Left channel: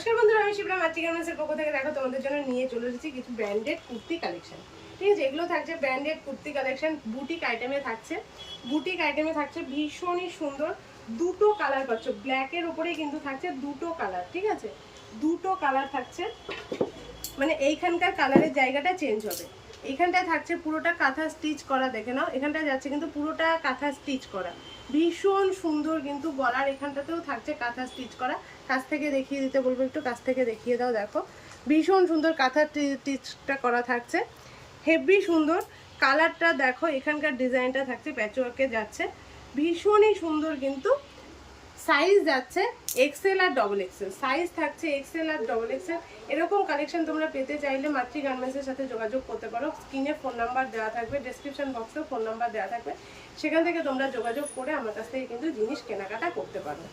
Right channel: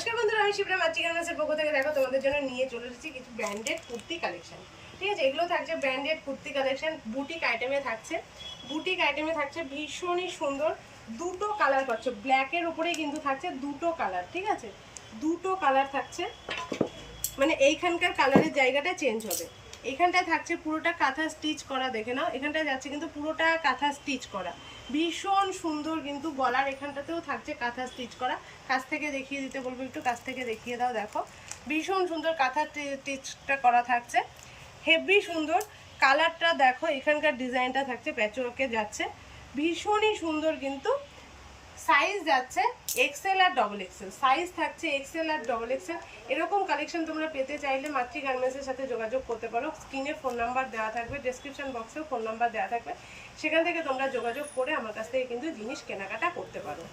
নমস্কার বন্ধুরা, আমি শিপ্রা মাতৃ গার্মেন্টসের পক্ষ থেকে দেখো তোমাদের জন্য নিয়ে চলে এসেছি কিছু ব্র্যান্ডেড কুর্তি কালেকশন। ঠিক আছে, এগুলো থাকছে ব্র্যান্ডেড কুর্তি কালেকশন, বুটিক আইটেমে থাকছে ভীষণই সুন্দর। দুটো কালার পাচ্ছ, ব্ল্যাকের উপরেই কিন্তু থাকছে দুটো কালার। ঠিক আছে, দুটো কালার থাকছে, মানে এইখানকার কালারের জায়গাটা চেঞ্জ হবে। এইখানটায় থাকছে পুরোটা কাঁথা স্টিচ করা, দেখে নাও এখানটায় যাচ্ছে কিন্তু পুরোটা কাঁথা স্টিচ করা, ভীষণ সুন্দর। কিন্তু গলার এখানটাতেও থাকছে কাঁথা স্টিচ করা। কাছ থেকে দেখিয়ে দিতে বলবো, একটু কাছ থেকে দেখিয়ে দাও। দেখো ভীষণ সুন্দর কাঁথা স্টিচটা করা থাকছে, হেভি সুন্দর। কালারটা দেখো, এখানকার ডিজাইনটা থাকছে প্যাচওয়ার্কে যাচ্ছে, ভীষণই সুন্দর। কিন্তু সাইজ যাচ্ছে এক্সেল আর ডবল এক্সেল, সাইজ থাকছে এক্সেল আর ডবল এক্সেল। এরকম কালেকশন তোমরা পেতে চাইলে মাতৃ গার্মেন্টসের সাথে যোগাযোগ করতে পারো। স্ক্রিনে ফোন নাম্বার দেওয়া থাকবে, ডেসক্রিপশন বক্সে ফোন নাম্বার দেওয়া থাকবে, সেখান থেকে তোমরা যোগাযোগ করে আমার কাছ থেকে কিন্তু জিনিস কেনাকাটা করতে পারো।